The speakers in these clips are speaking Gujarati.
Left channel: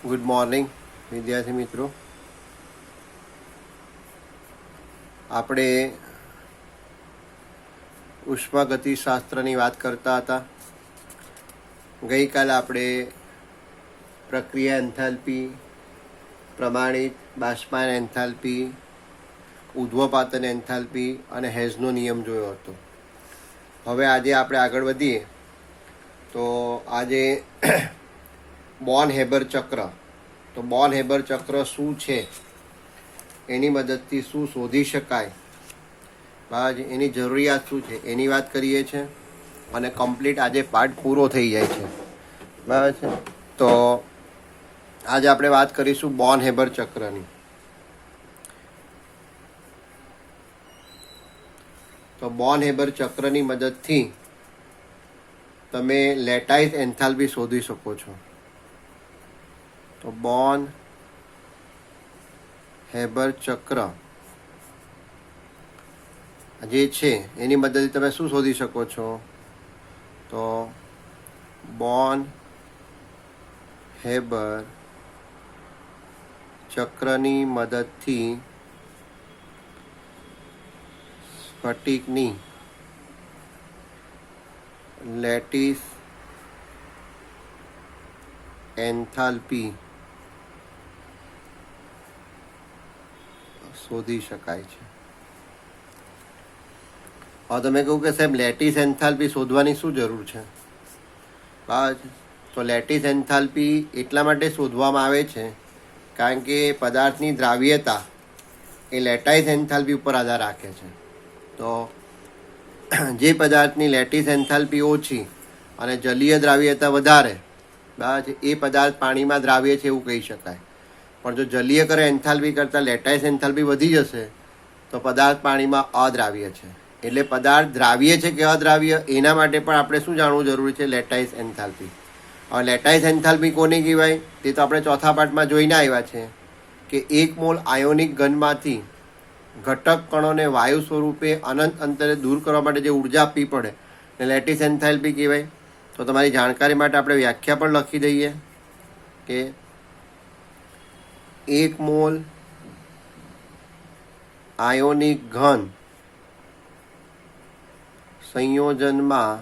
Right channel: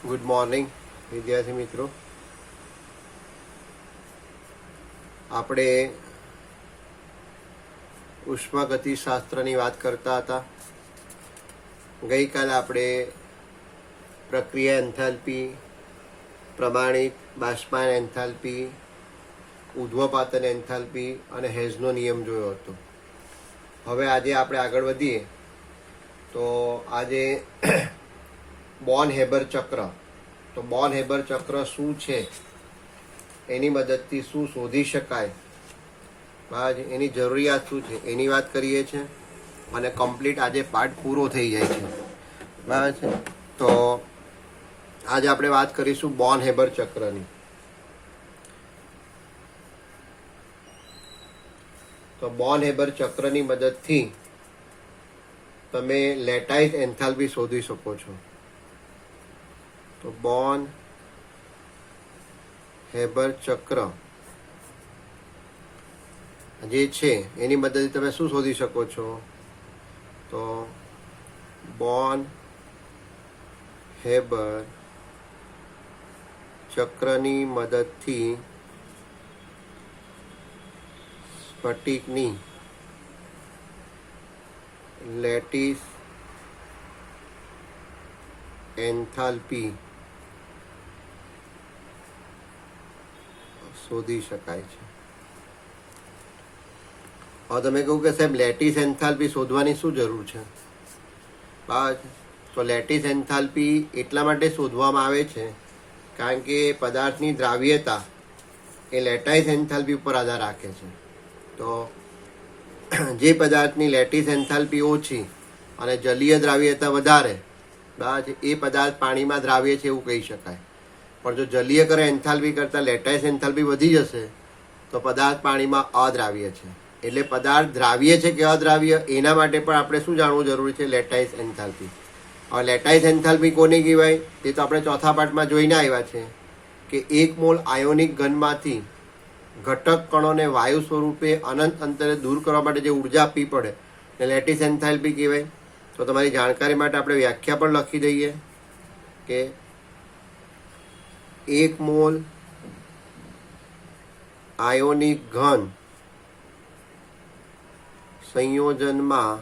ગુડ મોર્નિંગ વિદ્યાર્થી મિત્રો. આપણે ઉષ્માગતિશાસ્ત્રની વાત કરતા હતા. ગઈકાલે આપણે પ્રક્રિયા એન્થાલ્પી, પ્રમાણિત બાષ્પાયન એન્થાલ્પી, ઉર્ધ્વપાતન એન્થાલ્પી અને હેઝનો નિયમ જોયો હતો. હવે આજે આપણે આગળ વધીએ તો આજે બોર્ન હેબર ચક્ર. તો બોર્ન હેબર ચક્ર શું છે, એની મદદથી શું શોધી શકાય, બરાબર, એની જરૂરિયાત શું છે એની વાત કરીએ છીએ અને કમ્પ્લીટ આજે પાર્ટ પૂરો થઈ જાય છે. બરાબર છે. તો આજે આપણે વાત કરીશું બોર્ન હેબર ચક્રની. તો બોર્ન હેબર ચક્રની મદદથી તમે લેટાઇસ એન્થાલ્પી શોધી શકો છો. તો બોર્ન હેબર ચક્ર જે છે એની મદદથી તમે શું શોધી શકો છો? તો બોર્ન હેબર ચક્રની મદદથી સ્ફટિકની લેટિસ એન્થાલ્પી શોધી શકાય છે. હવે તમે કહું કે સાહેબ લેટિસ એન્થાલ્પી શોધવાની શું જરૂર છે? બરાબર છે. તો લેટિસ એન્થાલ્પી એટલા માટે શોધવામાં આવે છે કારણ કે પદાર્થની દ્રાવ્યતા એ લેટાઇસ એન્થાલ્પી ઉપર આધાર રાખે છે. તો જે પદાર્થની લેટિસ એન્થાલ્પી ઓછી અને જલીય દ્રાવ્યતા વધારે, બરાબર છે, એ પદાર્થ પાણીમાં દ્રાવ્ય છે એવું કહી શકાય. પણ જો જલીયકરણ એન્થાલ્પી કરતાં લેટાઇસ એન્થાલ્પી વધી જશે તો પદાર્થ પાણીમાં અદ્રાવ્ય છે. એટલે પદાર્થ દ્રાવ્ય છે કે અદ્રાવ્ય એના માટે પણ આપણે શું જાણવું જરૂરી છે? Lattice enthalpy. હવે લેટાઇસ એન્થાલ્પી કોને કહેવાય તે તો આપણે ચોથા પાઠમાં જોઈને આવ્યા છે કે 1 મોલ આયોનિક ઘનમાંથી ઘટક કણોને વાયુ સ્વરૂપે અનંત અંતરે દૂર કરવા માટે જે ઉર્જા આપવી પડે ને લેટિસ એન્થાલ્પી કહેવાય. તો તમારી જાણકારી માટે આપણે વ્યાખ્યા પણ લખી દઈએ કે 1 મોલ આયોનિક ઘન સંયોજનમાં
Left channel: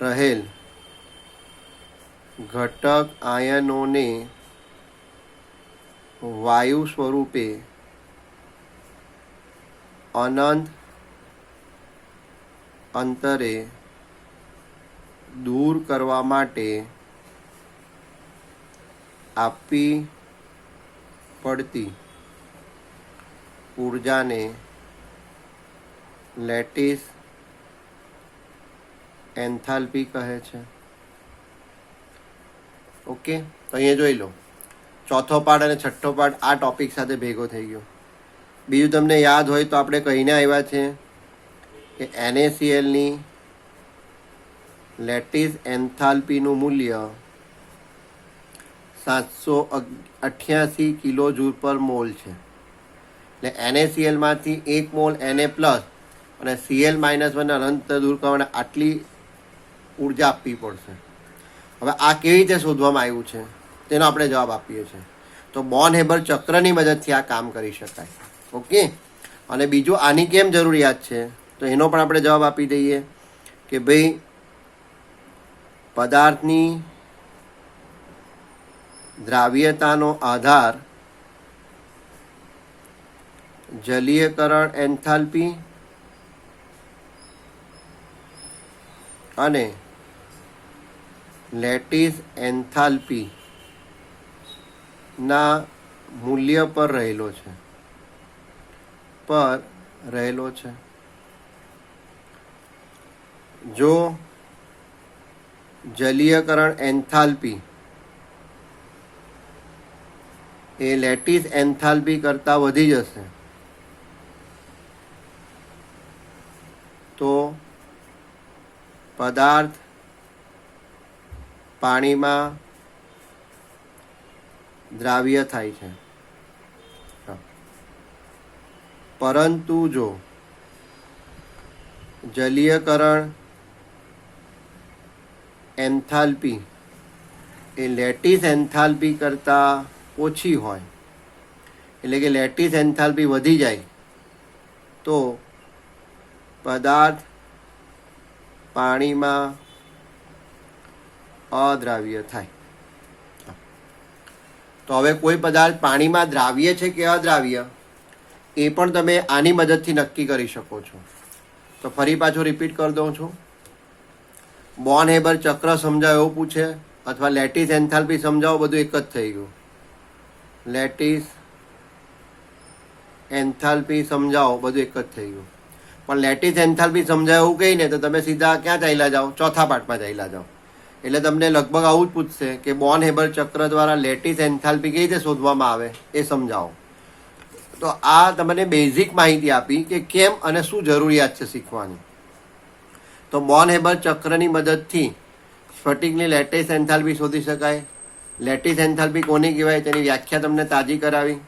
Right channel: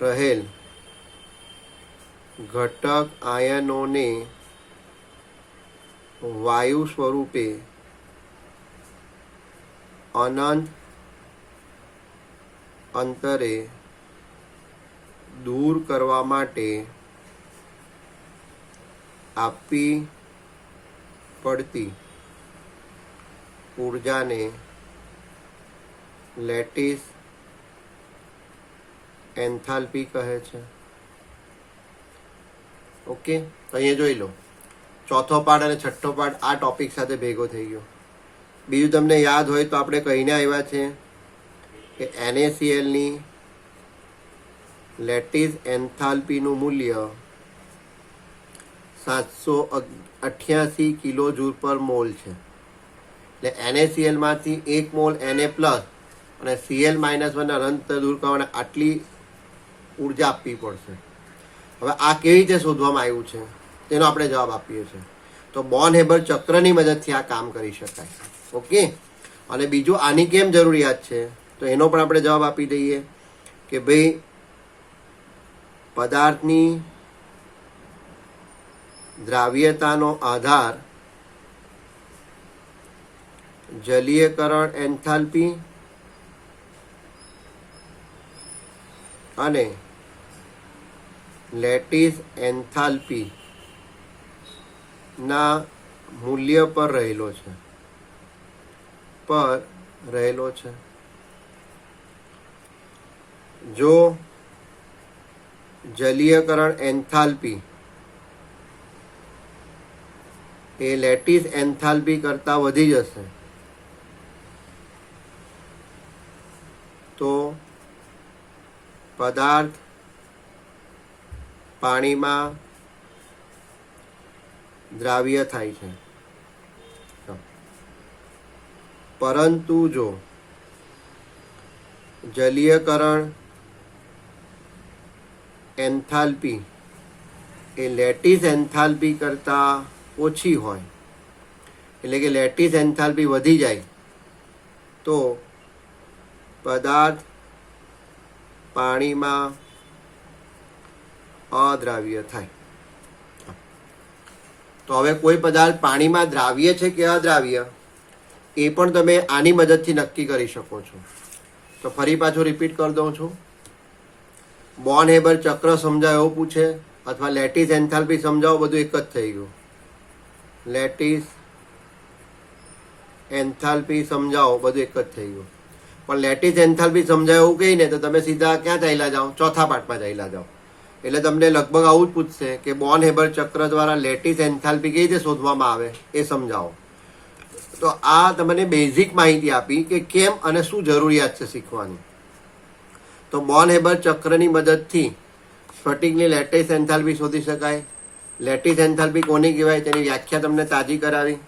રહેલ ઘટક આયનોને વાયુ સ્વરૂપે અનંત અંતરે દૂર કરવા માટે આપવી પડતી ઉર્જાને લેટિસ એન્થાલ્પી કહે છે. ઓકે, તો અહીંયા જોઈ લો, ચોથો પાઠ અને છઠ્ઠો પાઠ આ ટોપિક સાથે ભેગો થઈ ગયો. બીજું તમને યાદ હોય તો આપણે કહીને આવ્યા છે કે NaClની લેટિસ એન્થાલ્પીનું મૂલ્ય 788 કિલો જૂલ પર મોલ છે. એટલે NaCl માંથી 1 મોલ Na પ્લસ અને Cl -1 અનંત દૂર કરવાના આટલી ઉર્જા આપવી પડશે. હવે આ કેવી રીતે શોધવામાં આવ્યું છે તેનો આપણે જવાબ આપીએ છીએ. તો બોર્ન હેબર ચક્રની મદદથી આ કામ કરી શકાય. ઓકે, અને બીજું આની કેમ જરૂરિયાત છે તો એનો પણ આપણે જવાબ આપી દઈએ કે ભાઈ પદાર્થની દ્રાવ્યતાનો આધાર જલીયકરણ એન્થાલ્પી અને લેટિસ એન્થાલ્પી ના મૂલ્ય પર રહેલો છે. જો જલીયકરણ એન્થાલ્પી એ લેટિસ એન્થાલ્પી કરતાં વધી જશે તો પદાર્થ પાણીમાં દ્રાવ્ય થાય છે. પરંતુ જો જલીયકરણ એન્થાલ્પી એ લેટિસ એન્થાલ્પી કરતાં ઓછી હોય, એટલે કે લેટિસ એન્થાલ્પી વધી જાય તો પદાર્થ પાણીમાં અદ્રાવ્ય થાય. તો હવે કોઈ પદાર્થ પાણીમાં દ્રાવ્ય છે કે અદ્રાવ્ય એ પણ તમે આની મદદથી નક્કી કરી શકો છો. તો ફરી પાછું રિપીટ કરી દઉં છું. બોર્ન હેબર ચક્ર સમજાવો એવું પૂછે અથવા લેટિસ એન્થાલ્પી સમજાવો, બધું એક જ થઈ ગયું. લેટિસ એન્થાલ્પી સમજાવો બધું એક જ થઈ ગયું. પણ લેટિસ એન્થાલ્પી સમજાવો એવું કહીને તો તમે સીધા ક્યાં ચાલ્યા જાઓ? ચોથા પાઠમાં ચાલ્યા જાઓ. એટલે તમને લગભગ આવું જ પૂછશે કે બોર્ન હેબર ચક્ર દ્વારા લેટિસ એન્થાલ્પી કેવી રીતે શોધવામાં આવે એ સમજાવો. તો આ તમને બેઝિક માહિતી આપી કે કેમ અને શું જરૂરિયાત છે શીખવાની. તો બોર્ન હેબર ચક્રની મદદથી સ્ફટિકની લેટિસ એન્થાલ્પી શોધી શકાય. લેટિસ એન્થાલ્પી કોની કહેવાય તેની વ્યાખ્યા તમને તાજી કરાવી.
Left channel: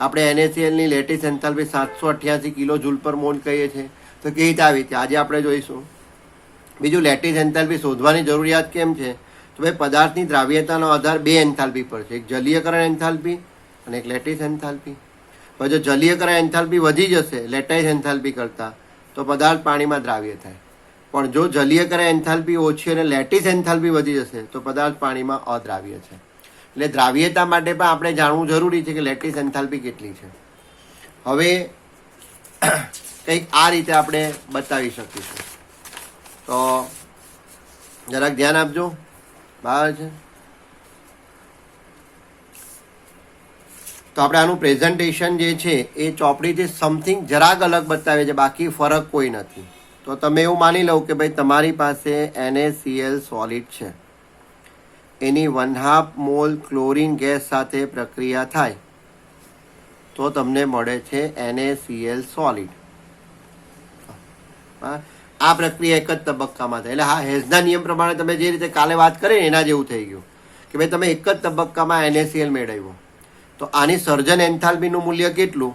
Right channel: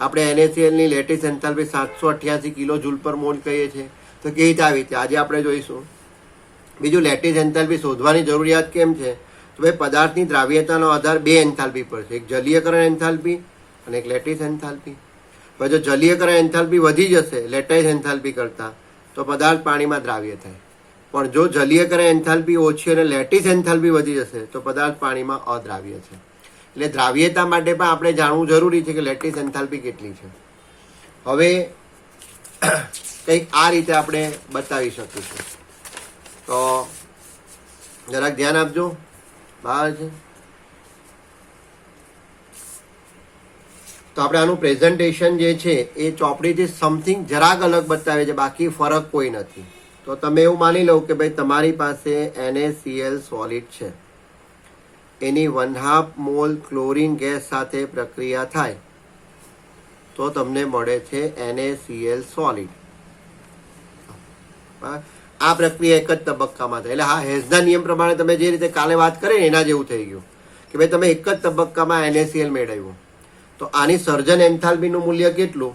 આપણે NaClની લેટિસ એન્થાલ્પી 788 કિલો જૂલ પર મોલ કહીએ છીએ. તો કેવી રીતે આવી છે આજે આપણે જોઈશું. બીજું, લેટિસ એન્થાલ્પી શોધવાની જરૂરિયાત કેમ છે? તો ભાઈ પદાર્થની દ્રાવ્યતાનો આધાર બે એન્થાલ્પી પર છે, એક જલીયકરણ એન્થાલ્પી અને એક લેટિસ એન્થાલ્પી. હવે જો જલીયકરણ એન્થાલ્પી વધી જશે લેટિસ એન્થાલ્પી કરતાં તો પદાર્થ પાણીમાં દ્રાવ્ય થાય. પણ જો જલીયકરણ એન્થાલ્પી ઓછી અને લેટિસ એન્થાલ્પી વધી જશે તો પદાર્થ પાણીમાં અદ્રાવ્ય છે. એટલે દ્રાવ્યતા માટે પણ આપણે જાણવું જરૂરી છે કે લેટિસ એન્થાલ્પી કેટલી છે. હવે કંઈક આ રીતે આપણે બતાવી શકીશું. તો જરાક ધ્યાન આપજો. બરાબર છે. તો આપણે આનું પ્રેઝન્ટેશન જે છે એ ચોપડીથી સમથિંગ જરાક અલગ બતાવે છે, બાકી ફરક કોઈ નથી. તો તમે એવું માની લો કે ભાઈ તમારી પાસે NaCl સોલિડ છે, એની 1/2 મોલ ક્લોરીન ગેસ સાથે પ્રક્રિયા થાય તો તમને મળે છે NaCl સોલિડ. આ પ્રક્રિયા એક જ તબક્કામાં થાય. એટલે હા, હેઝના નિયમ પ્રમાણે તમે જે રીતે કાલે વાત કરી ને એના જેવું થઈ ગયું કે ભાઈ તમે એક જ તબક્કામાં NaCl મેળવ્યું. તો આની સર્જન એન્થાલ્પીનું મૂલ્ય કેટલું?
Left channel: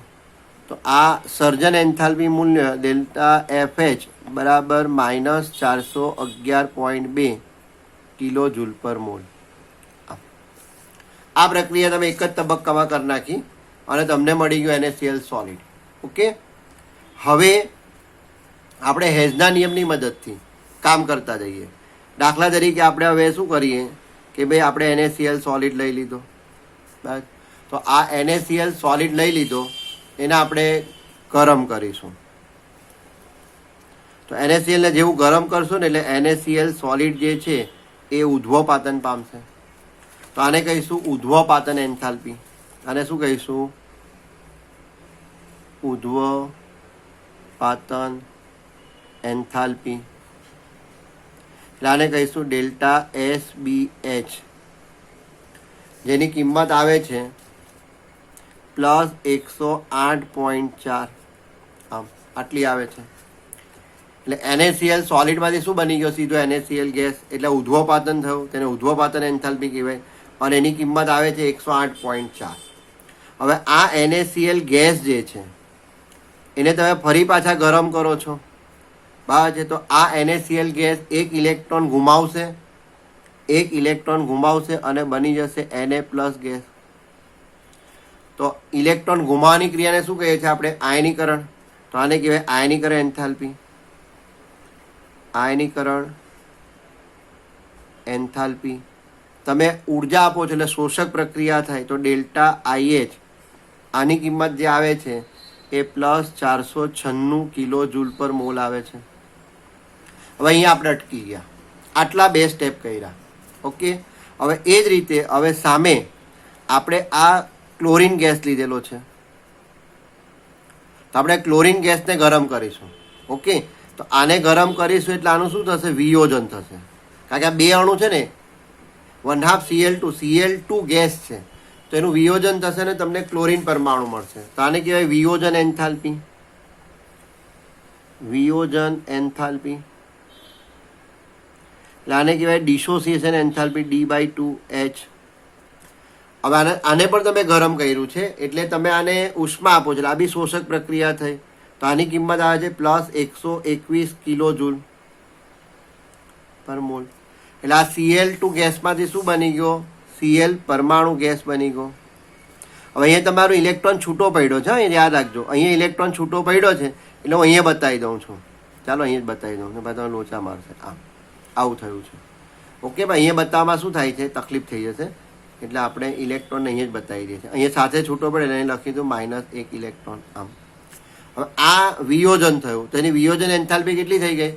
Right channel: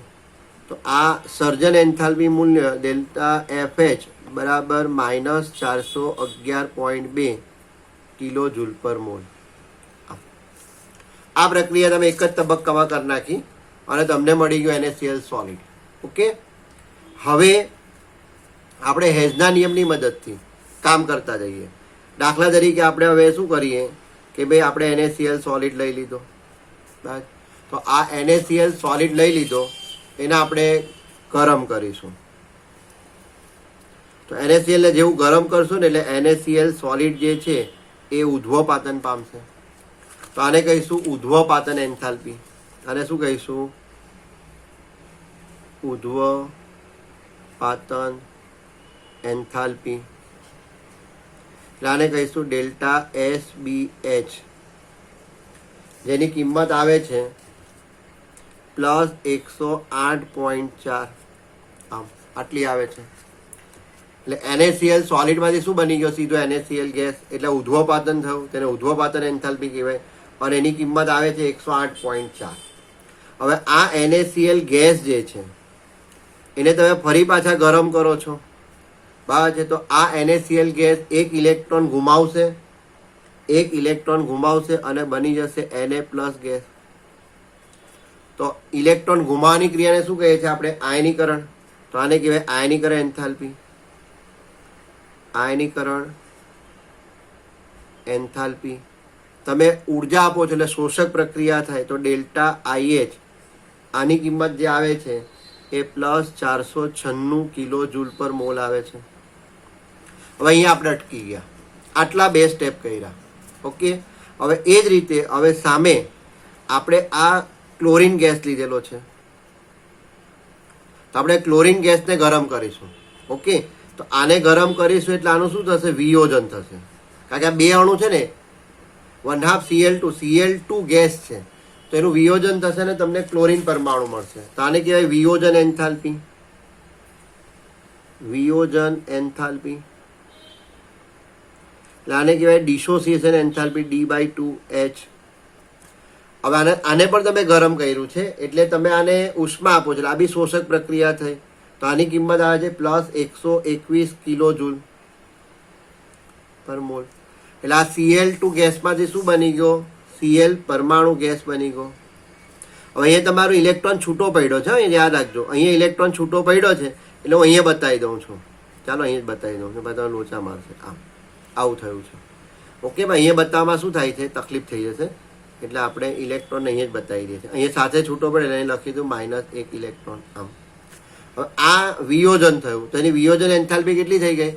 તો આ સર્જન એન્થાલ્પી મૂલ્ય ડેલ્ટા FH બરાબર -411.2 કિલો જૂલ પર મોલ. આ પ્રક્રિયા તમે એક જ તબક્કામાં કરી નાખી અને તમને મળી ગયું NaCl સોલિડ. ઓકે. હવે આપણે હેઝના નિયમની મદદથી કામ કરતા જઈએ. દાખલા તરીકે આપણે હવે શું કરીએ કે ભાઈ આપણે NaCl સોલિડ લઈ લીધો. બસ. તો આ NaCl સોલિડ લઈ લીધો, એને આપણે ગરમ કરીશું. તો NaCl ને જેવું ગરમ કરશું ને એટલે NaCl સોલિડ જે છે એ ઉધ્વપાતન પામશે. તો આને કહીશું ઉધ્વપાતન એન્થાલ્પી. આને શું કહીશું? ઉધ્વપાતન એન્થાલ્પી. એટલે આને કહીશું ડેલ્ટા SBH, જેની કિંમત આવે છે +108.4. આમ આટલી આવે છે. એટલે NaCl સોલિડમાંથી શું બની ગયો? સીધો NaCl ગેસ. એટલે ઉધ્વપાતન થયું, તેને ઉધ્વપાતન એન્થાલ્પી કહેવાય અને એની કિંમત આવે છે 108.4. હવે આ NaCl ગેસ જે છે એને તમે ફરી પાછા ગરમ કરો છો. બરાબર છે. તો આ NaCl ગેસ એક ઇલેક્ટ્રોન ગુમાવશે અને બની જશે Na+ ગેસ. તો ઇલેક્ટ્રોન ગુમાવવાની ક્રિયાને શું કહે છે આપણે? આયનીકરણ. તો આને કહેવાય આયનીકરણ એન્થાલ્પી. આયનીકરણ એન્થાલ્પી. તમે ઉર્જા આપો છો એટલે શોષક પ્રક્રિયા થાય તો ડેલ્ટા IH, આની કિંમત જે આવે છે એ +496 કિલો જૂલ પર મોલ આવે છે. હવે અહીંયા આપણે અટકી ગયા. આટલા બે સ્ટેપ કર્યા. ઓકે. હવે એ જ રીતે હવે સામે આપણે આ ક્લોરીન ગેસ લીધેલો છે, તો આપણે ક્લોરીન ગેસને ગરમ કરીશું. ઓકે. તો આને ગરમ કરીશું એટલે આનું શું થશે? વિયોજન થશે. કારણ કે આ બે અણુ છે ને, 1/2 Cl2 ગેસ છે, તો એનું વિયોજન થશે ને તમને ક્લોરીન પરમાણુ મળશે. તો આને કહેવાય વિયોજન એન્થાલ્પી. વિયોજન એન્થાલ્પી. એટલે આને કહેવાય ડિસોસિએશન એન્થાલ્પી, D/2H. હવે આને પણ તમે ગરમ કર્યું છે એટલે તમે આને ઉષ્મા આપો છો. આ બી શોષક પ્રક્રિયા થઈ. તો આની કિંમત આવે છે +121 કિલો જૂલ પર મોલ. એટલે આ Cl2 ગેસમાંથી શું બની ગયો? Cl પરમાણુ ગેસ બની ગયો. હવે અહીંયા તમારો ઇલેક્ટ્રોન છૂટો પડ્યો છે, એ યાદ રાખજો. અહીંયા ઇલેક્ટ્રોન છૂટો પડ્યો છે એટલે હું અહીંયા બતાવી દઉં છું. ચાલો અહીંયા જ બતાવી દઉં, બધા લોચા મારશે. આવું થયું છે. ઓકે, ભાઈ અહીંયા બતાવવામાં શું થાય છે? તકલીફ થઈ જશે, એટલે આપણે ઇલેક્ટ્રોન અહીંયા જ બતાવી દઈએ છીએ. અહીંયા સાથે છૂટો પડે એટલે અહીં લખી દઉં -1 ઇલેક્ટ્રોન. આમ હવે આ વિયોજન થયું, તો એની વિયોજન એન્થાલ્પી કેટલી થઈ ગઈ?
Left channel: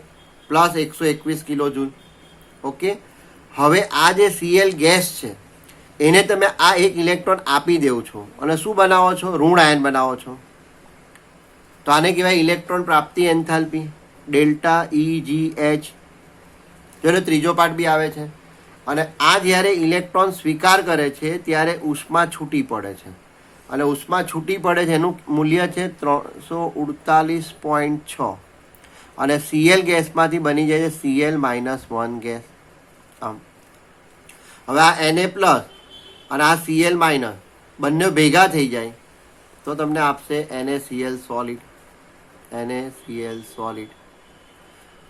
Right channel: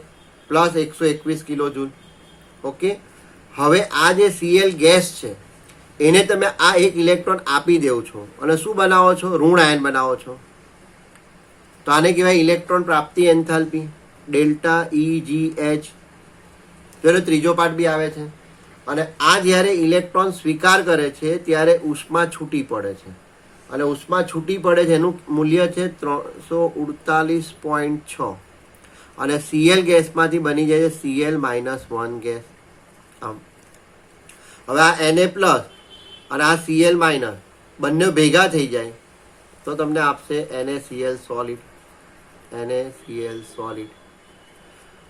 +121 કિલો જૂલ. ઓકે, હવે આ જે Cl ગેસ છે એને તમે આ એક ઇલેક્ટ્રોન આપી દેવ છો અને શું બનાવો છો? ઋણ આયન બનાવો છો. તો આને કહેવાય ઇલેક્ટ્રોન પ્રાપ્તિ એન્થાલ્પી, ΔEgH. જેનો ત્રીજો પાર્ટ બી આવે છે. અને આ જ્યારે ઇલેક્ટ્રોન સ્વીકાર કરે છે ત્યારે ઉષ્મા છૂટી પડે છે, અને ઉષ્મા છૂટી પડે છે એનું મૂલ્ય છે 348.6, અને Cl ગેસમાંથી બની જાય છે Cl-1 ગેસ. આમ હવે આ Na+ અને આ Cl- બંને ભેગા થઈ જાય તો તમને આપશે NaCl સોલિડ. NaCl solid.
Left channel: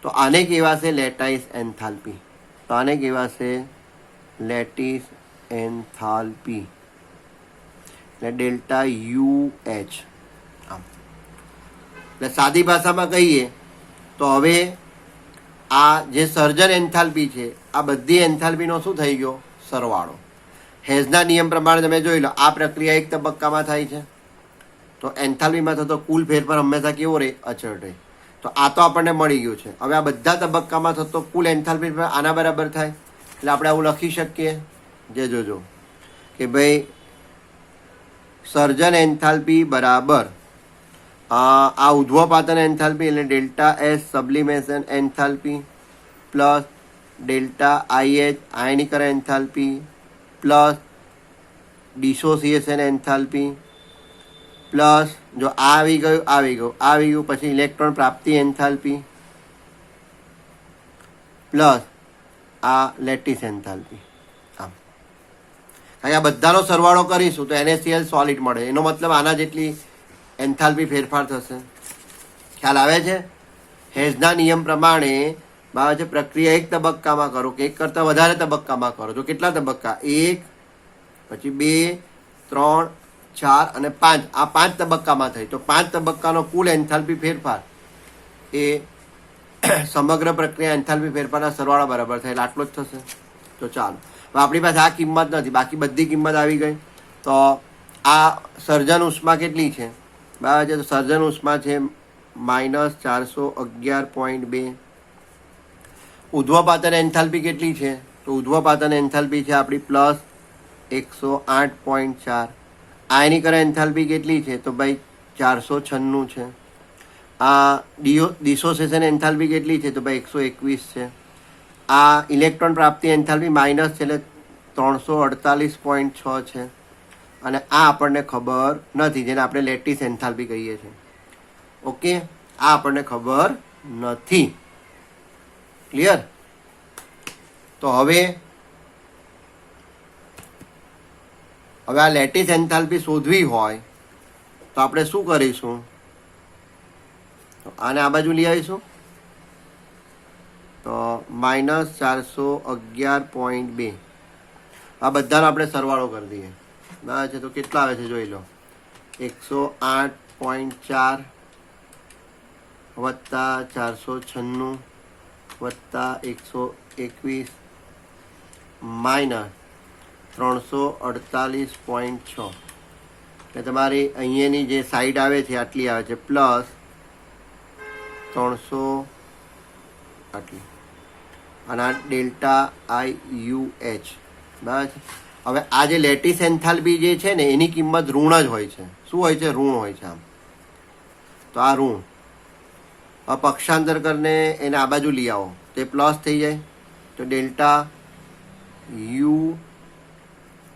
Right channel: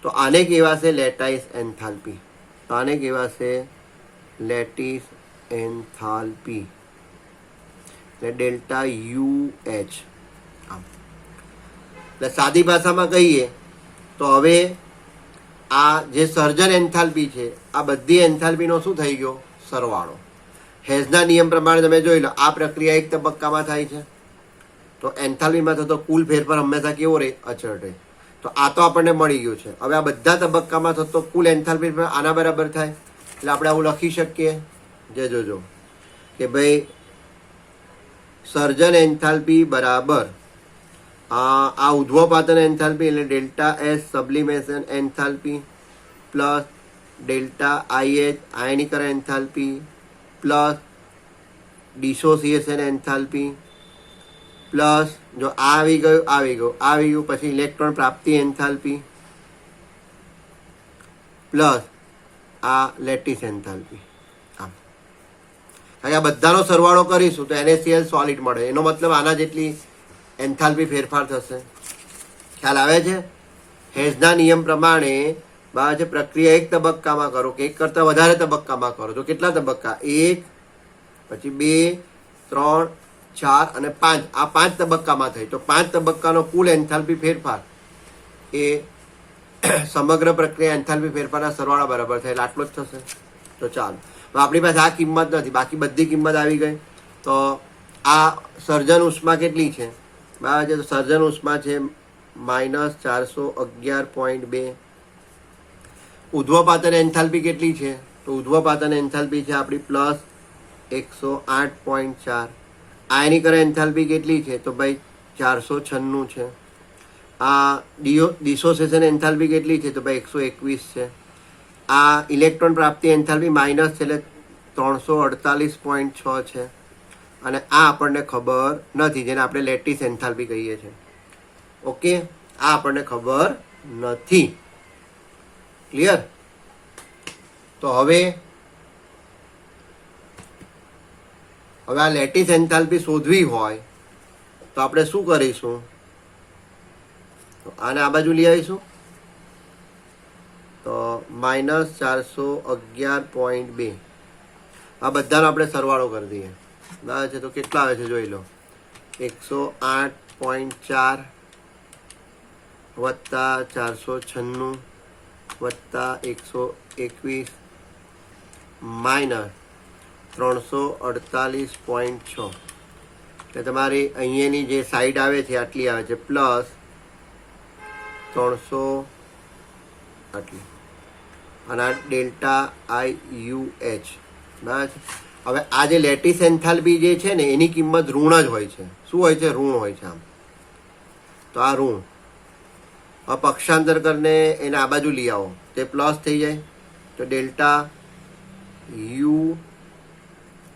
તો આને કહેવાશે લેટાઇસ એન્થાલ્પી. તો આને કહેવાશે લેટિસ એન્થાલ્પી, એટલે ΔUH. આમ એટલે સાદી ભાષામાં કહીએ તો હવે આ જે સર્જન એન્થાલ્પી છે આ બધી એન્થાલ્પીનો શું થઈ ગયો? સરવાળો. હેઝના નિયમ પ્રમાણે તમે જોઈ લો, આ પ્રક્રિયા એક તબક્કામાં થાય છે તો એન્થાલ્પીમાં થતો કુલ ફેરફાર હંમેશા કેવો રહે? અચળ રહે. તો આ તો આપણને મળી ગયું છે. હવે આ બધા તબક્કામાં થતો કુલ એન્થાલ્પી આના બરાબર થાય, એટલે આપણે આવું લખી શકીએ. જે જોજો કે ભાઈ સર્જન એન્થાલ્પી બરાબર આ ઉધ્વપાતન એન્થાલ્પી એટલે ΔS sublimation enthalpy plus ΔIH આયનીકરણ enthalpy plus dissociation enthalpy plus જો આ આવી ગયું પછી ઇલેક્ટ્રોન પ્રાપ્તિ એન્થાલ્પી પ્લસ આ લેટિસ એન્થાલ્પી. આ બધાનો સરવાળો કરીશું તો NaCl સોલિડ મળે. એનો મતલબ આના જેટલી એન્થાલ્પી ફેરફાર થશે. ખ્યાલ આવે છે? હેઝના નિયમ પ્રમાણે છે પ્રક્રિયા એક તબક્કામાં કરો કે એક કરતાં વધારે તબક્કામાં કરો તો કેટલા તબક્કા? 1, પછી 2, 3, 4 અને 5. આ 5 તબક્કામાં થઈ તો 5 તબક્કાનો કુલ એન્થાલ્પી ફેરફાર એ સમગ્ર પ્રક્રિયા એન્થાલ્પી ફેરફારના સરવાળા બરાબર થાય એટલે આટલો જ થશે. તો ચાલો, આપણી પાસે આ કિંમત નથી, બાકી બધી કિંમત આવી ગઈ. તો આ સર્જન ઉષ્મા કેટલી છે? બરાબર છે, તો સર્જન ઉષ્મા છે -411.2. ઉધ્વપાતન એન્થાલ્પી કેટલી છે? તો ઉધ્વપાતન એન્થાલ્પી છે આપણી +108.4. આયનીકરણ એન્થાલ્પી કેટલી છે? તો ભાઈ 496 છે. આ ડિસોસિએશન એન્થાલ્પી કેટલી છે? તો ભાઈ 121 છે. આ ઇલેક્ટ્રોન પ્રાપ્તિ એન્થાલ્પી માઇનસ છે એટલે 348.6 છે. અને આ આપણને ખબર નથી, જેને આપણે લેટિસ એન્થાલ્પી કહીએ છીએ. ઓકે, આ આપણને ખબર નથી. ક્લિયર? તો હવે આ લેટિસ એન્થાલ્પી શોધવી હોય તો આપણે શું કરીશું? આને આ બાજુ લઈ આવીશું તો -411.2. આ બધાનો આપણે સરવાળો કરી દઈએ. બરાબર છે, તો કેટલા આવે છે જોઈ લો. 108.4 વત્તા 496 વત્તા 121 માઇનસ 348.6. એટલે તમારી અહીંયાની જે સાઈડ આવે છે આટલી આવે છે પ્લસ 300 આટલી, અને આ ΔIUH. બરાબર છે. હવે આ જે લેટિસ એન્થાલ્પી જે છે ને એની કિંમત ઋણ જ હોય છે. શું હોય છે? ઋણ હોય છે. આમ તો આ ઋણ. હવે પક્ષાંતર કરીને એને આ બાજુ લઈ આવો તો એ પ્લસ થઈ જાય. તો ΔU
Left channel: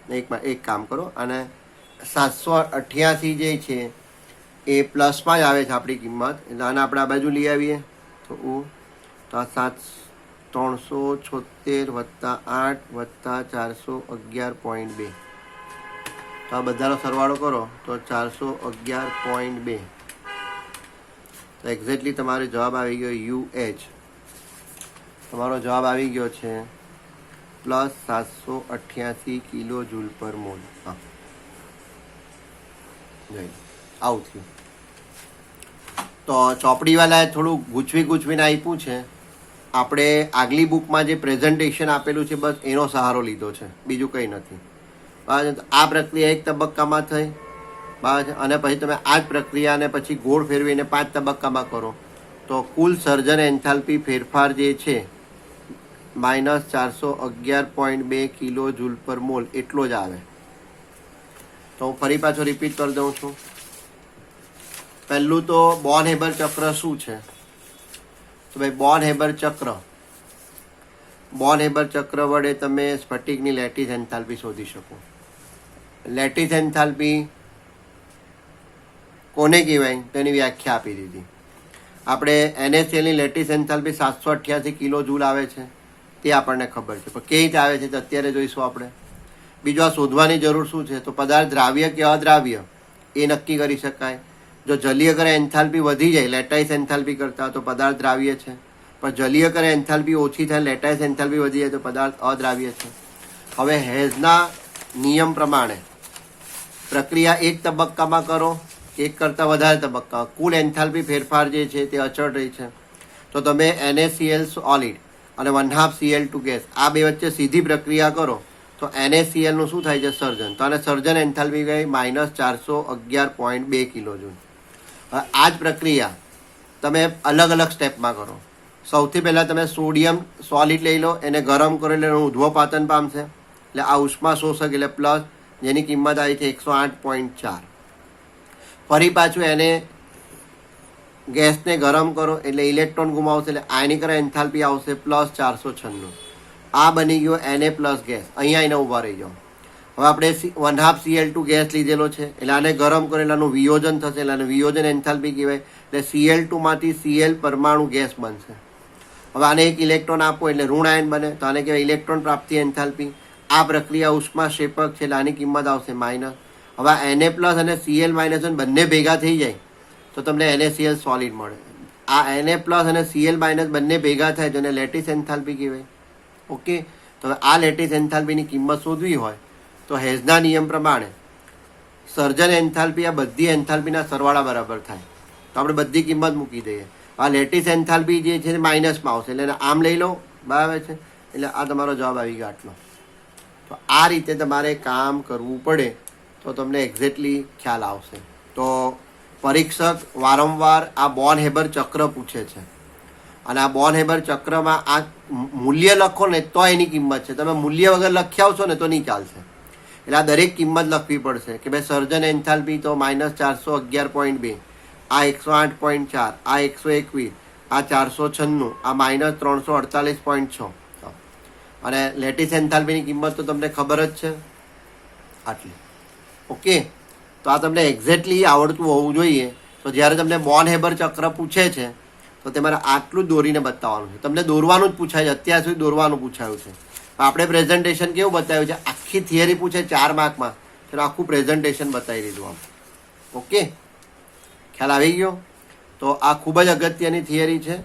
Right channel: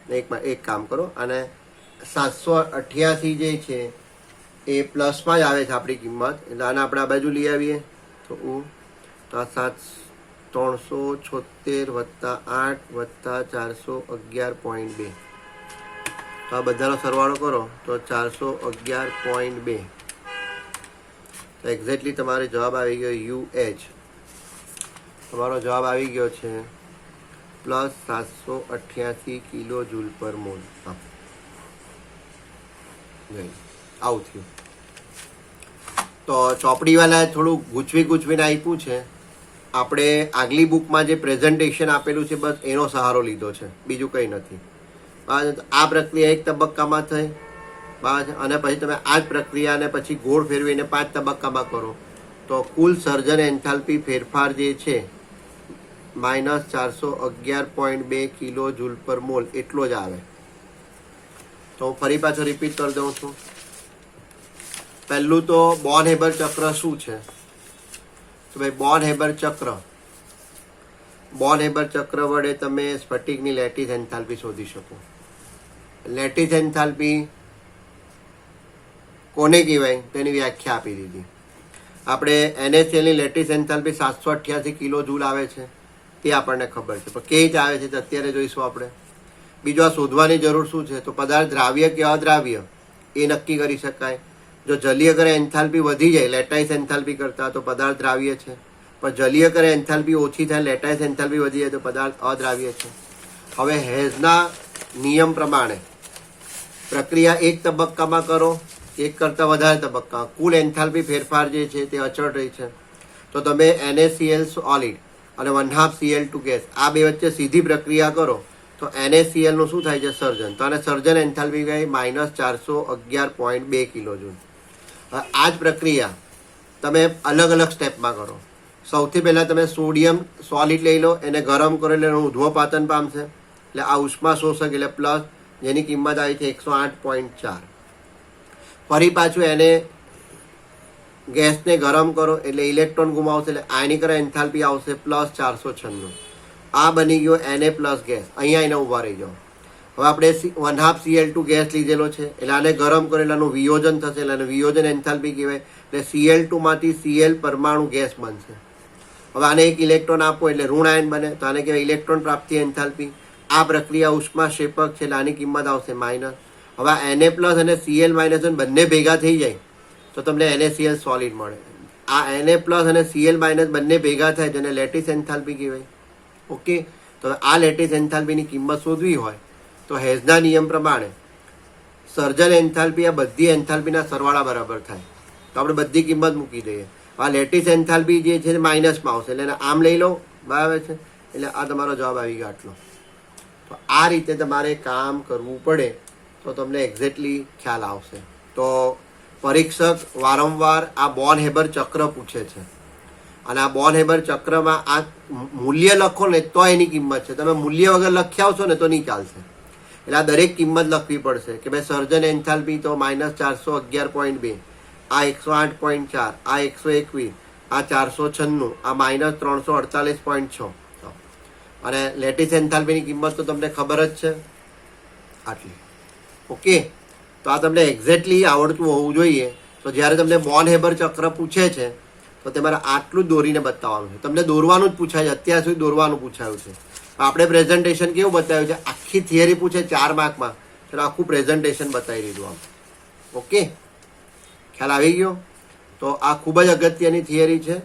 એક કામ કરો, અને 788 જે છે એ પ્લસમાં જ આવે છે આપણી કિંમત, એટલે આને આપણે આ બાજુ લઈ આવીએ તો 376 વત્તા 8 વત્તા 411.2. તો આ બધાનો સરવાળો કરો તો 411.2. તો એક્ઝેક્ટલી તમારો જવાબ આવી ગયો UH. તમારો જવાબ આવી ગયો છે પ્લસ 788 કિલો જૂલ પર મોલ. હા, આવું થયું. તો ચોપડીવાલાએ થોડું ગૂંચવીને આપ્યું છે. આપણે આગલી બુકમાં જે પ્રેઝન્ટેશન આપેલું છે બસ એનો સહારો લીધો છે, બીજું કંઈ નથી. આ પ્રક્રિયા એક તબક્કામાં થઈ, બરાબર, અને પછી તમે આ જ પ્રક્રિયાને પછી ગોળ ફેરવીને 5 તબક્કામાં કરો તો કુલ સર્જન એન્થાલ્પી ફેરફાર જે છે -411.2 કિલો જૂલ પર મોલ એટલો જ આવે. તો હું ફરી પાછો રિપીટ કરી દઉં છું. પહેલું તો બોર્ન હેબર ચક્ર શું છે? તો ભાઈ બોર્ન હેબર ચક્ર વડે તમે સ્ફટિકની લેટિસ એન્થાલ્પી શોધી શકો. લેટિસ એન્થાલ્પી કોને કહેવાય તેની વ્યાખ્યા આપી દીધી. આપણે NaClની લેટિસ એન્થાલ્પી 788 કિલો જૂલ આવે છે તે આપણને ખબર છે, પણ કેવી રીતે આવે છે તો અત્યારે જોઈશું આપણે. બીજું આ શોધવાની જરૂર શું છે? તો પદાર્થ દ્રાવ્ય કે અદ્રાવ્ય એ નક્કી કરી શકાય. જો જલીય કરે એન્થાલ્પી વધી જાય લેટાઇસ એન્થાલ્પી કરતાં તો પદાર્થ દ્રાવ્ય છે, પણ જલીય કરે એન્થાલ્પી ઓછી થાય લેટાઇસ એન્થાલ્પી વધી જાય તો પદાર્થ અદ્રાવ્ય છે. હવે હેઝના નિયમ પ્રમાણે પ્રક્રિયા એક તબક્કામાં કરો, એક કરતાં વધારે તબક્કા, કુલ એન્થાલ્પી ફેરફાર જે છે તે અચળ રહી છે. તો તમે NaCl સોલિડ અને 1/2 Cl2 ગેસ આ બે વચ્ચે સીધી પ્રક્રિયા કરો તો NaClનું શું થાય છે? સર્જન. તો આને સર્જન એન્થાલ્પી ગઈ -411.2 કિલો જૂલ. હવે આ જ પ્રક્રિયા તમે અલગ અલગ સ્ટેપમાં કરો. સૌથી પહેલાં તમે સોડિયમ સોલિડ લઈ લો, એને ગરમ કરો એટલે એનું ઉધ્વપાતન પામશે, એટલે આ ઉષ્મા શોષક એટલે પ્લસ, જેની કિંમત આવી છે 108.4. ફરી પાછું એને ગેસને ગરમ કરો એટલે ઇલેક્ટ્રોન ગુમાવશે એટલે આયનીકરણ એન્થાલ્પી આવશે +496. આ બની ગયો Na પ્લસ ગેસ. અહીંયા એને ઊભા રહી જાઓ. હવે આપણે 1/2 Cl2 ગેસ લીધેલો છે એટલે આને ગરમ કરો એટલે આનું વિયોજન થશે એટલે આને વિયોજન એન્થાલ્પી કહેવાય. એટલે Cl2 માંથી Cl પરમાણુ ગેસ બનશે. હવે આને એક ઇલેક્ટ્રોન આપો એટલે ઋણ આયન બને તો આને કહેવાય ઇલેક્ટ્રોન પ્રાપ્તિ એન્થાલ્પી. આ પ્રક્રિયા ઉષ્મા ક્ષેપક છે એટલે આની કિંમત આવશે માઇનસ. હવે Na પ્લસ અને Cl માઇનસ બંને ભેગા થઈ જાય તો તમને NaCl સોલિડ મળે. આ Na પ્લસ અને Cl માઇનસ બંને ભેગા થાય જેને લેટિસ એન્થાલ્પી કહેવાય. ઓકે, તો આ લેટિસ એન્થાલ્પીની કિંમત શોધવી હોય તો હેઝના નિયમ પ્રમાણે સર્જન એન્થાલ્પી આ બધી એન્થાલ્પીના સરવાળા બરાબર થાય. તો આપણે બધી કિંમત મૂકી દઈએ. આ લેટિસ એન્થાલ્પી જે છે માઇનસમાં આવશે એટલે આમ લઈ લો, બરાબર છે, એટલે આ તમારો જવાબ આવી ગયો આટલો. તો આ રીતે તમારે કામ કરવું પડે તો તમને એક્ઝેક્ટલી ખ્યાલ આવશે. તો પરીક્ષક વારંવાર આ બોર્ન હેબર ચક્ર પૂછે છે અને આ બોર્ન હેબર ચક્રમાં આ મૂલ્ય લખો ને તો એની કિંમત છે. તમે મૂલ્ય વગર લખી આવશો ને તો નહીં ચાલશે. એટલે આ દરેક કિંમત લખવી પડશે કે ભાઈ સર્જન એન્થાલ્પી તો -411.2, આ 108.4, આ 121, આ 496, આ -348.6 અને લેટિસ એન્થાલ્પીની કિંમત તો તમને ખબર જ છે આટલી. ઓકે, તો આ તમને એક્ઝેક્ટલી આવડતું હોવું જોઈએ. તો જ્યારે તમને બોર્ન હેબર ચક્ર પૂછે છે તો તમારે આટલું જ દોરીને બતાવવાનું છે. તમને દોરવાનું જ પૂછાય છે, અત્યાર સુધી દોરવાનું પૂછાયું છે. આપણે પ્રેઝન્ટેશન કેવું બતાવ્યું છે? આખી થિયરી પૂછે 4 માર્કમાં, તો આખું પ્રેઝન્ટેશન બતાવી દીધું આમ. ઓકે, ખ્યાલ આવી ગયો? તો આ ખૂબ જ અગત્યની થિયરી છે.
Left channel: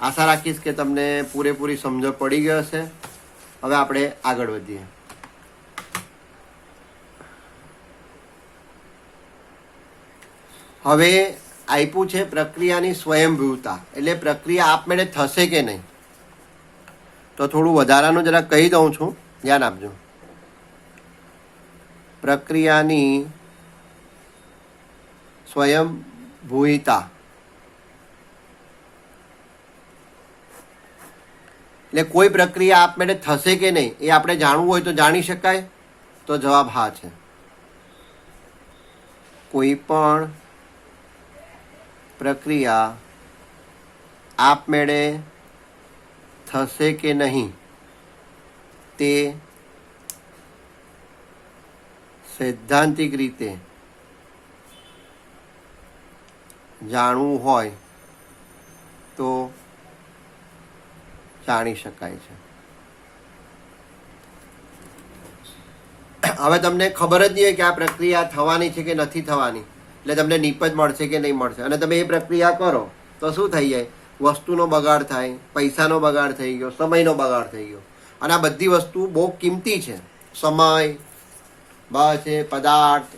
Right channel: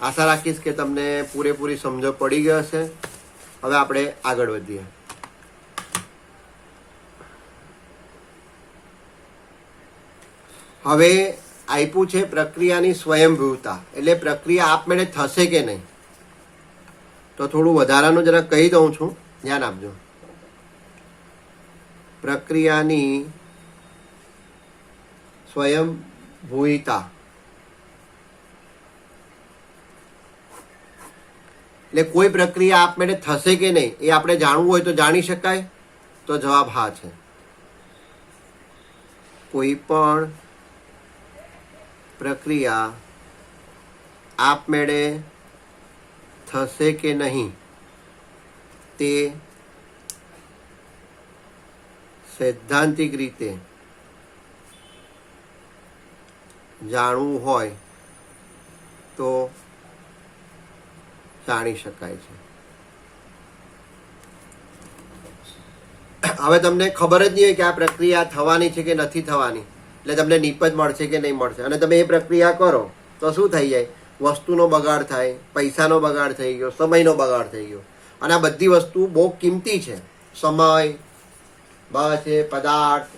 આશા રાખીશ કે તમને પૂરેપૂરી સમજ પડી ગઈ હશે. હવે આપણે આગળ વધીએ. હવે આપ્યું છે પ્રક્રિયાની સ્વયંભૂતા, એટલે પ્રક્રિયા આપમેળે થશે કે નહીં. તો થોડું વધારાનું જરા કહી દઉં છું, ધ્યાન આપજો. પ્રક્રિયાની સ્વયંભૂતા એટલે કોઈ પ્રક્રિયા આપમેળે થશે કે નહીં એ આપણે જાણવું હોય તો જાણી શકાય. તો જવાબ હા છે. કોઈ પણ પ્રક્રિયા આપમેળે થશે કે નહીં તે સૈદ્ધાંતિક રીતે જાણવું હોય તો જાણી શકાય છે. હવે તમને ખબર જ નહીં હોય કે આ પ્રક્રિયા થવાની છે કે નથી થવાની, એટલે તમને નિપજ મળશે કે નહીં મળશે, અને તમે એ પ્રક્રિયા કરો તો શું થઈ જાય? વસ્તુનો બગાડ થાય, પૈસાનો બગાડ થઈ ગયો, સમયનો બગાડ થઈ ગયો. અને આ બધી વસ્તુ બહુ કિંમતી છે. સમય, બસ એ પદાર્થ,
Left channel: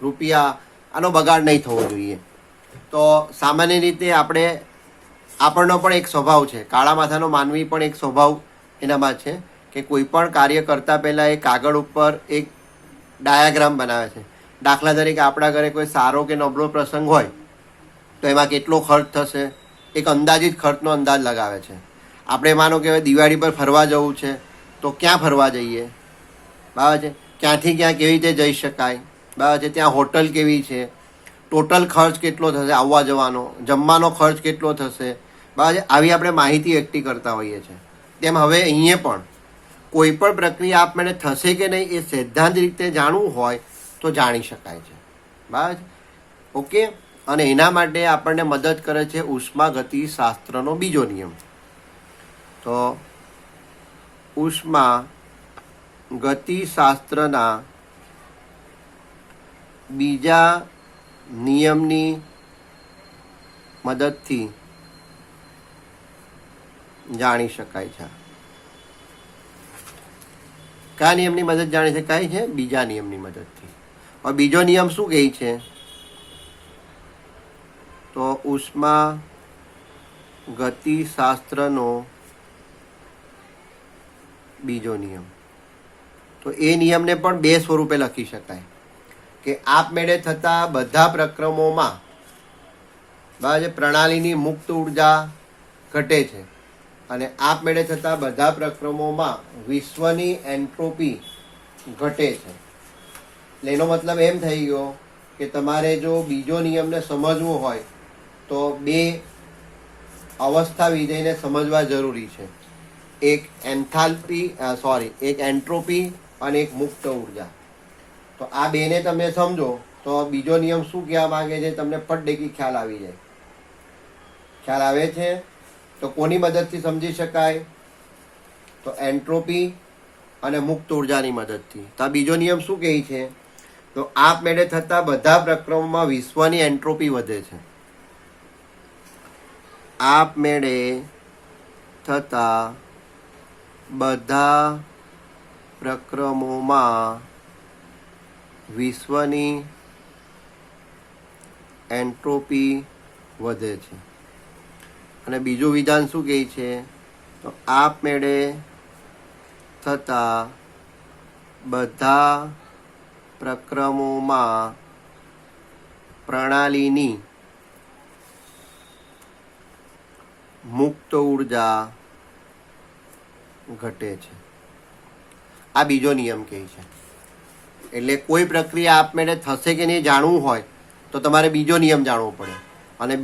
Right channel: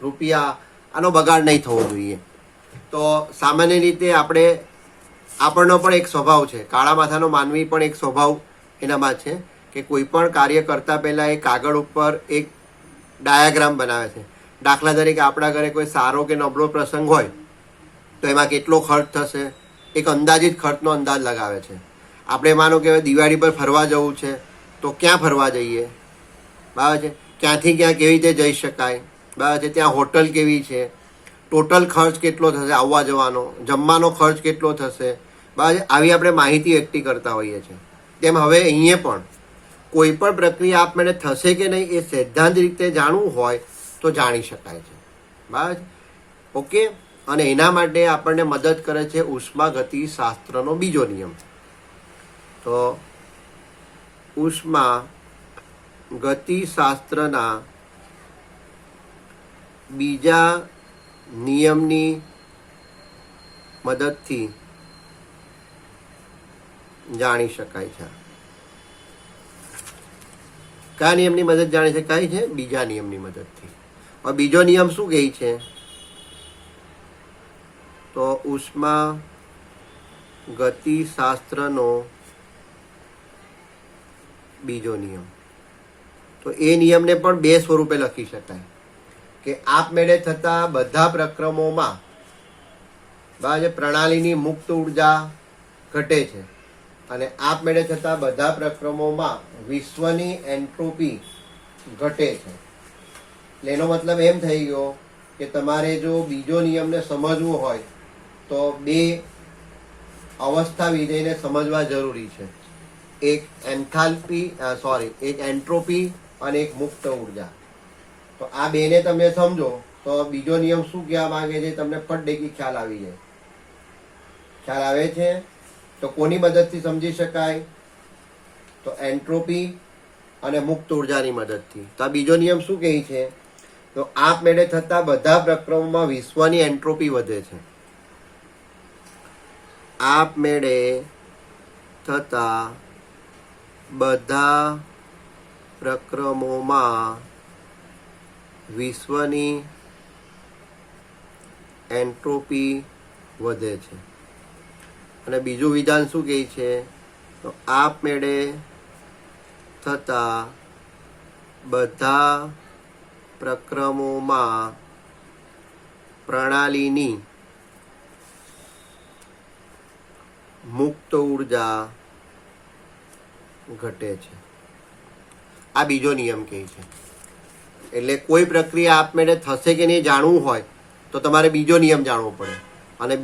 રૂપિયા, આનો બગાડ નહીં થવો જોઈએ. તો સામાન્ય રીતે આપણનો પણ એક સ્વભાવ છે, કાળા માથાનો માનવી પણ એક સ્વભાવ એનામાં છે કે કોઈ પણ કાર્ય કરતા પહેલાં એ કાગળ ઉપર એક ડાયાગ્રામ બનાવે છે. દાખલા તરીકે આપણા ઘરે કોઈ સારો કે નબળો પ્રસંગ હોય તો એમાં કેટલો ખર્ચ થશે, એક અંદાજિત ખર્ચનો અંદાજ લગાવે છે. આપણે માનો કે હવે દિવાળી પર ફરવા જવું છે તો ક્યાં ફરવા જઈએ, બરાબર છે, ક્યાંથી ક્યાં કેવી રીતે જઈ શકાય, બરાબર છે, ત્યાં હોટલ કેવી છે, ટોટલ ખર્ચ કેટલો થશે, આવવા જવાનો, જમવાનો ખર્ચ કેટલો થશે, બરાબર છે. આવી આપણે માહિતી એકઠી કરતા હોઈએ છીએ. તેમ હવે અહીંયા પણ કોઈ પણ પ્રક્રિયા આપમેળે થશે કે નહીં એ સિદ્ધાંત રીતે જાણવું હોય તો જાણી શકાય છે, બરાબર છે. ઓકે. અને એના માટે આપણને મદદ કરે છે ઉષ્માગતિ શાસ્ત્રનો બીજો નિયમ. તો ઉષ્મા ગતિશાસ્ત્રના બીજા નિયમની મદદથી જાણી શકાય છે. કયા નિયમની મદદ જાણી શકાય છે? બીજા નિયમની મદદથી. હવે બીજો નિયમ શું કહે છે? તો ઉષ્મા ગતિશાસ્ત્રનો બીજો નિયમ. તો એ નિયમને પણ બે સ્વરૂપે લખી શકાય કે આપમેળે થતા બધા પ્રક્રમોમાં પ્રણાલીની મુક્ત ઉર્જા ઘટે છે અને આપમેળે થતા બધા પ્રક્રમોમાં વિશ્વની એન્ટ્રોપી ઘટે છે. એટલે એનો મતલબ એમ થઈ ગયો કે તમારે જો બીજો નિયમને સમજવો હોય તો બે અવસ્થા વિધેયને સમજવા જરૂરી છે. એક એક એન્ટ્રોપી અને એક મુક્ત ઉર્જા. તો આ બેને તમે સમજો તો બીજો નિયમ શું કહેવા માંગે છે તમને ફટદેકી ખ્યાલ આવી જાય. ખ્યાલ આવે છે? તો કોની મદદથી સમજી શકાય? તો એન્ટ્રોપી અને મુક્ત ઉર્જાની મદદથી. તો આ બીજો નિયમ શું કહે છે? તો આપમેળે થતા બધા પ્રક્રમોમાં વિશ્વની એન્ટ્રોપી વધે છે. આપમેળે થતા બધા પ્રક્રમોમાં વિશ્વની એન્ટ્રોપી વધે છે. અને બીજું વિધાન શું કહે છે? તો આપમેળે થતા બધા પ્રક્રમોમાં પ્રણાલીની મુક્ત ઉર્જા ઘટે છે. આ બીજો નિયમ કહે છે. એટલે કોઈ પ્રક્રિયા આપમેળે થશે કે નહીં જાણવું હોય તો તમારે બીજો નિયમ જાણવો પડે. અને